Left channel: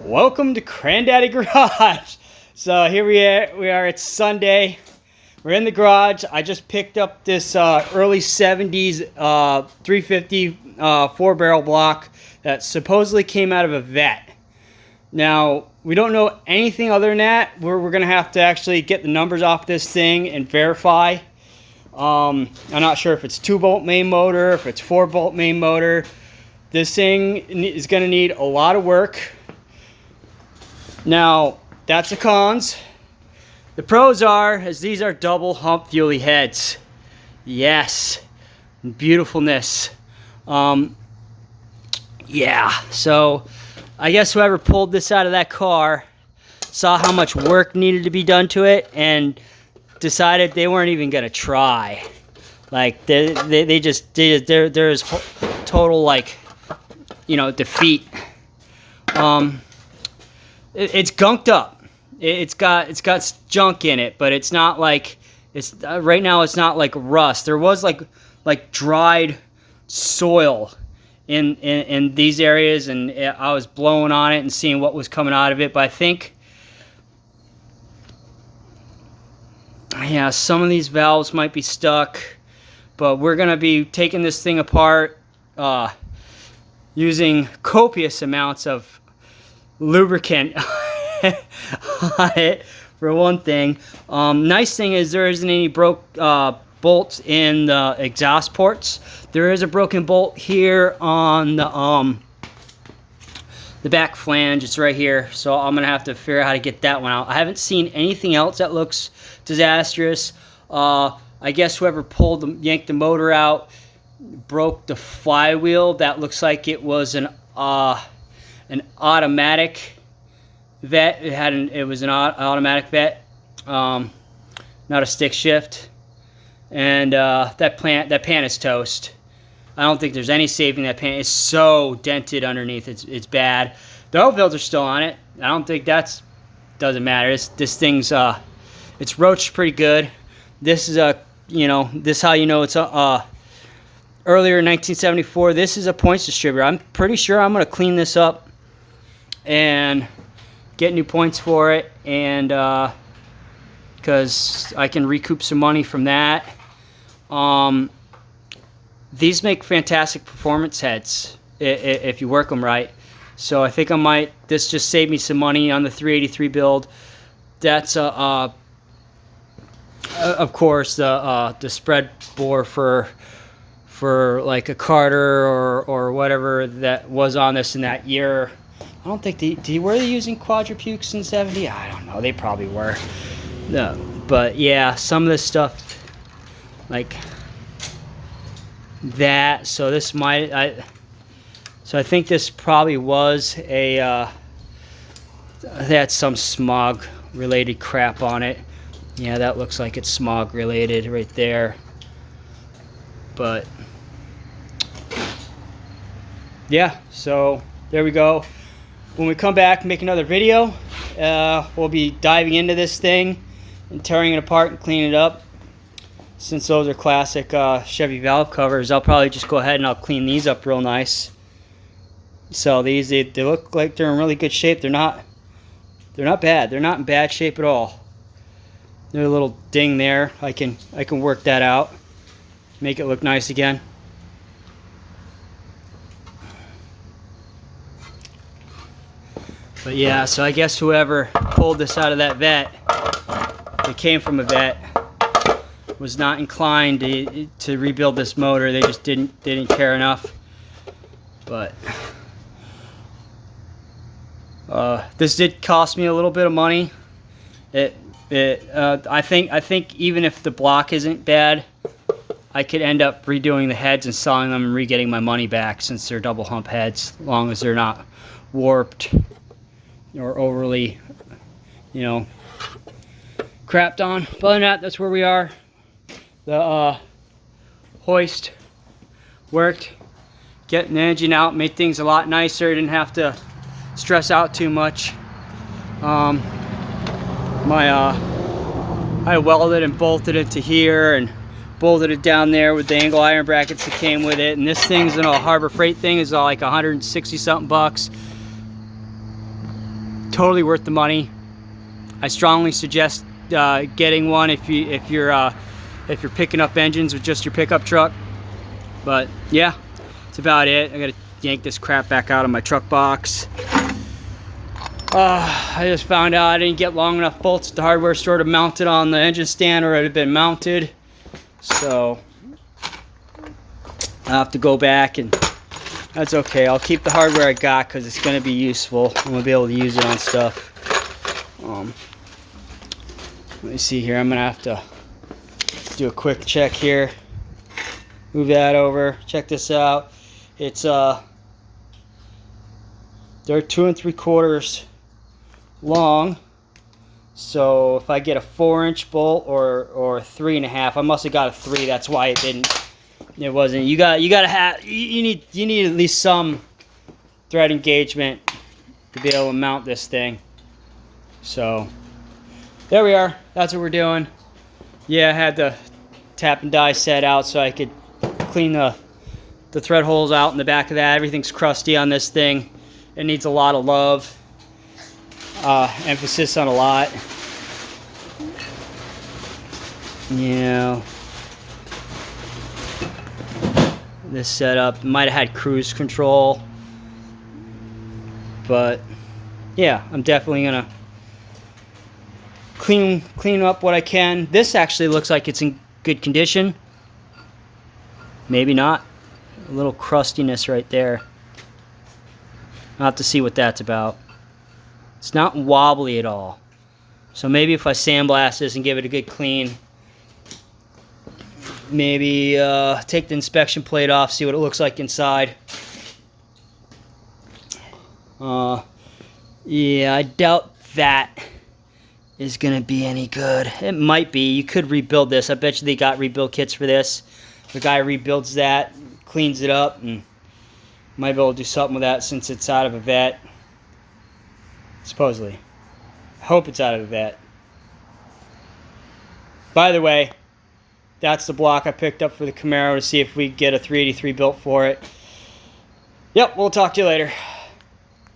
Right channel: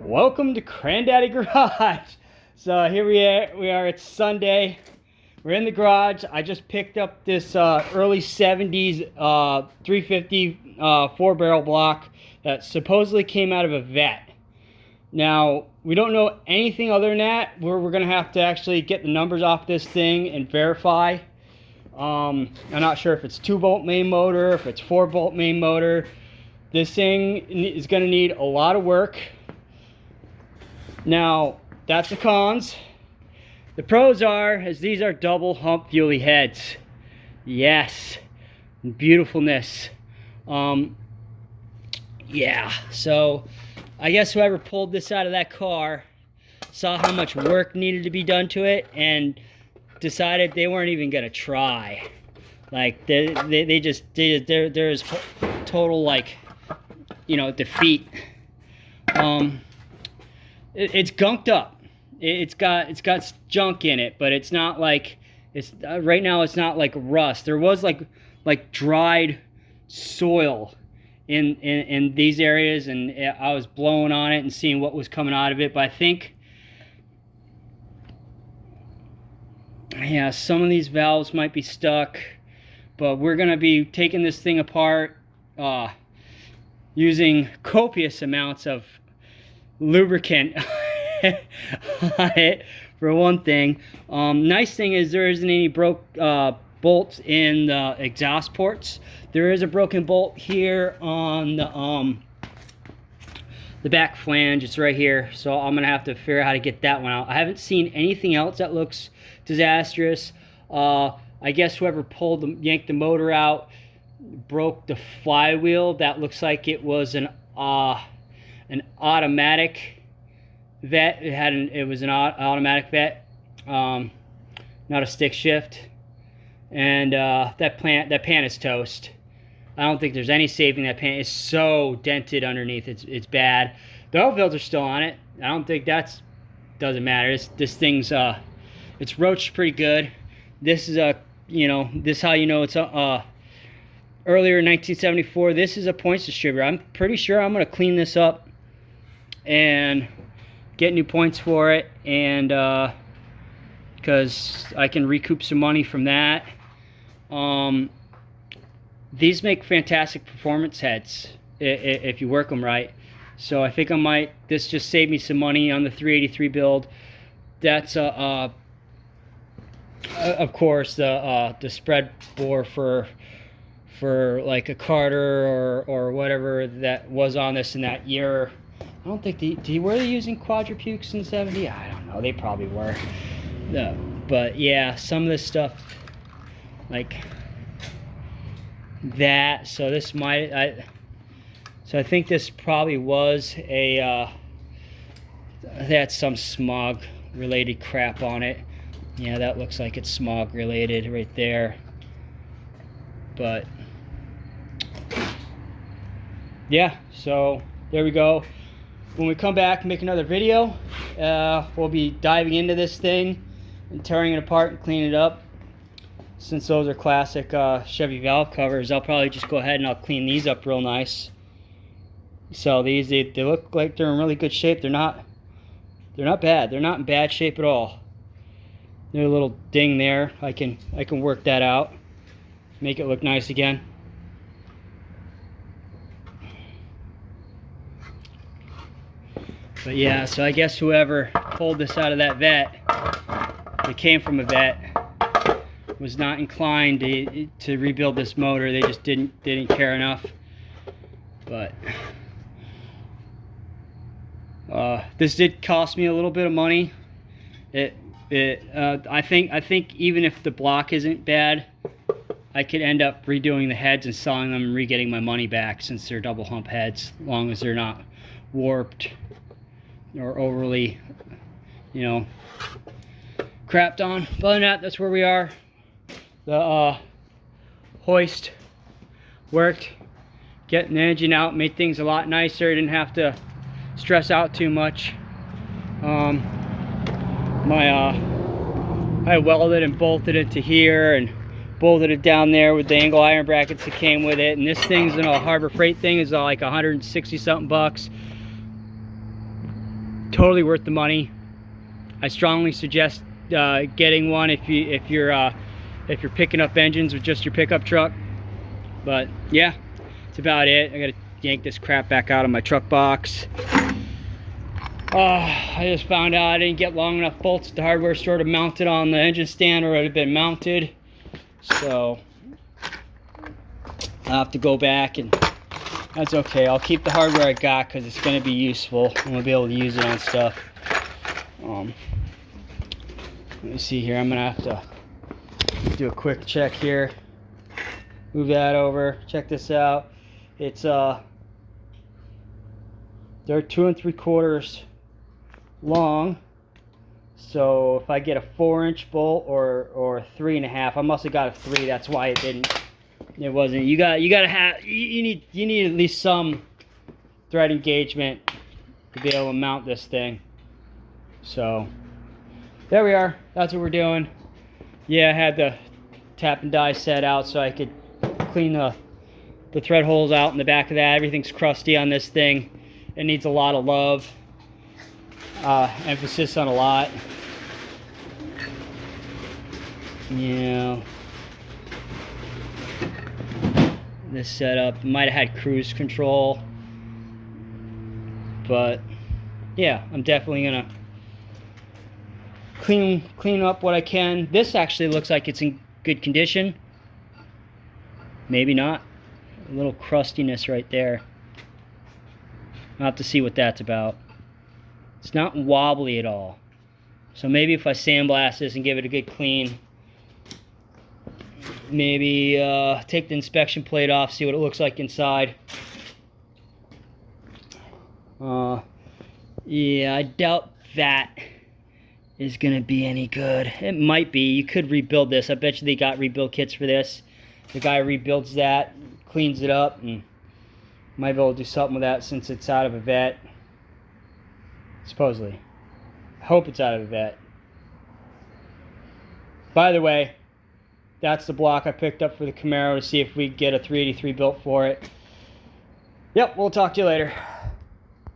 Welcome to Granddaddy Garage. So here we are. It's Sunday. We're in the garage. I just picked up this early 70s 350 4-barrel block that supposedly came out of a Vett. Now, we don't know anything other than that. We're going to have to actually get the numbers off this thing and verify. I'm not sure if it's 2-bolt main motor, if it's 4-bolt main motor. This thing is going to need a lot of work. Now, that's the cons. The pros are, as these are double hump fuelie heads. Yes, beautifulness. Yeah, so I guess whoever pulled this out of that car saw how much work needed to be done to it and decided they weren't even gonna try. Like there is total, like, you know, defeat. It's gunked up. It's got junk in it, but it's not like right now. It's not like rust. There was like dried soil in these areas, and I was blowing on it and seeing what was coming out of it. But I think, yeah, some of these valves might be stuck. But we're gonna be taking this thing apart, using copious amounts of lubricant on it, for one thing. Nice thing is there isn't any broke bolts in the exhaust ports. There is a broken bolt here on the back flange. It's right here, so I'm gonna have to figure out how to get that one out. I haven't seen anything else that looks disastrous. I guess whoever yanked the motor out broke the flywheel. That looks like it was an automatic Vett. It was an automatic Vett, not a stick shift. And that pan is toast. I don't think there's any saving that pan. It's so dented underneath. It's bad. The oil filter's still on it. I don't think doesn't matter. This thing's it's roached pretty good. This is this is how you know it's earlier in 1974. This is a points distributor. I'm pretty sure I'm gonna clean this up and get new points for it, and because I can recoup some money from that. These make fantastic performance heads if you work them right. So I think this just saved me some money on the 383 build. That's of course the spread bore for like a Carter or whatever that was on this in that year. I don't think were they using quadrupukes in 70? I don't know. They probably were. No, but yeah, some of this stuff like that. So this so I think this probably was they had some smog related crap on it. Yeah, that looks like it's smog related right there. But yeah, so there we go. When we come back and make another video, we'll be diving into this thing and tearing it apart and cleaning it up. Since those are classic Chevy valve covers, I'll probably just go ahead and I'll clean these up real nice. So these they look like they're in really good shape. They're not bad. They're not in bad shape at all. There's a little ding there. I can work that out, make it look nice again. But yeah, so I guess whoever pulled this out of that Vett, that came from a Vett, was not inclined to rebuild this motor. They just didn't care enough. But this did cost me a little bit of money. I think even if the block isn't bad, I could end up redoing the heads and selling them and re-getting my money back, since they're double hump heads, as long as they're not warped or overly, crapped on. But other than that, that's where we are. The hoist worked, getting the engine out made things a lot nicer. I didn't have to stress out too much. I welded and bolted it to here and bolted it down there with the angle iron brackets that came with it. And this thing's a Harbor Freight thing, is like 160 something bucks. totally worth the money. I strongly suggest getting one if you're picking up engines with just your pickup truck. But yeah, that's about it. I gotta yank this crap back out of my truck box. I just found out I didn't get long enough bolts at the hardware store to mount it on the engine stand, or it had been mounted. So I'll have to go back, and that's okay. I'll keep the hardware I got because it's going to be useful. I'm going to be able to use it on stuff. Let me see here. I'm going to have to do a quick check here. Move that over. Check this out. It's they're 2 3/4 long. So if I get a 4-inch bolt or 3 1/2, I must have got a 3. That's why it wasn't. You need at least some thread engagement to be able to mount this thing. So there we are. That's what we're doing. Yeah, I had the tap and die set out so I could clean the thread holes out in the back of that. Everything's crusty on this thing. It needs a lot of love. Emphasis on a lot. Yeah. This setup might have had cruise control, but yeah, I'm definitely gonna clean up what I can. This actually looks like it's in good condition. Maybe not. A little crustiness right there. I'll have to see what that's about. It's not wobbly at all. So maybe if I sandblast this and give it a good clean, maybe take the inspection plate off, see what it looks like inside. Yeah, I doubt that is gonna be any good. It might be. You could rebuild this. I bet you they got rebuild kits for this. The guy rebuilds that, cleans it up, and might be able to do something with that since it's out of a Vett. Supposedly. I hope it's out of a Vett. By the way, that's the block I picked up for the Camaro to see if we get a 383 built for it. Yep, we'll talk to you later.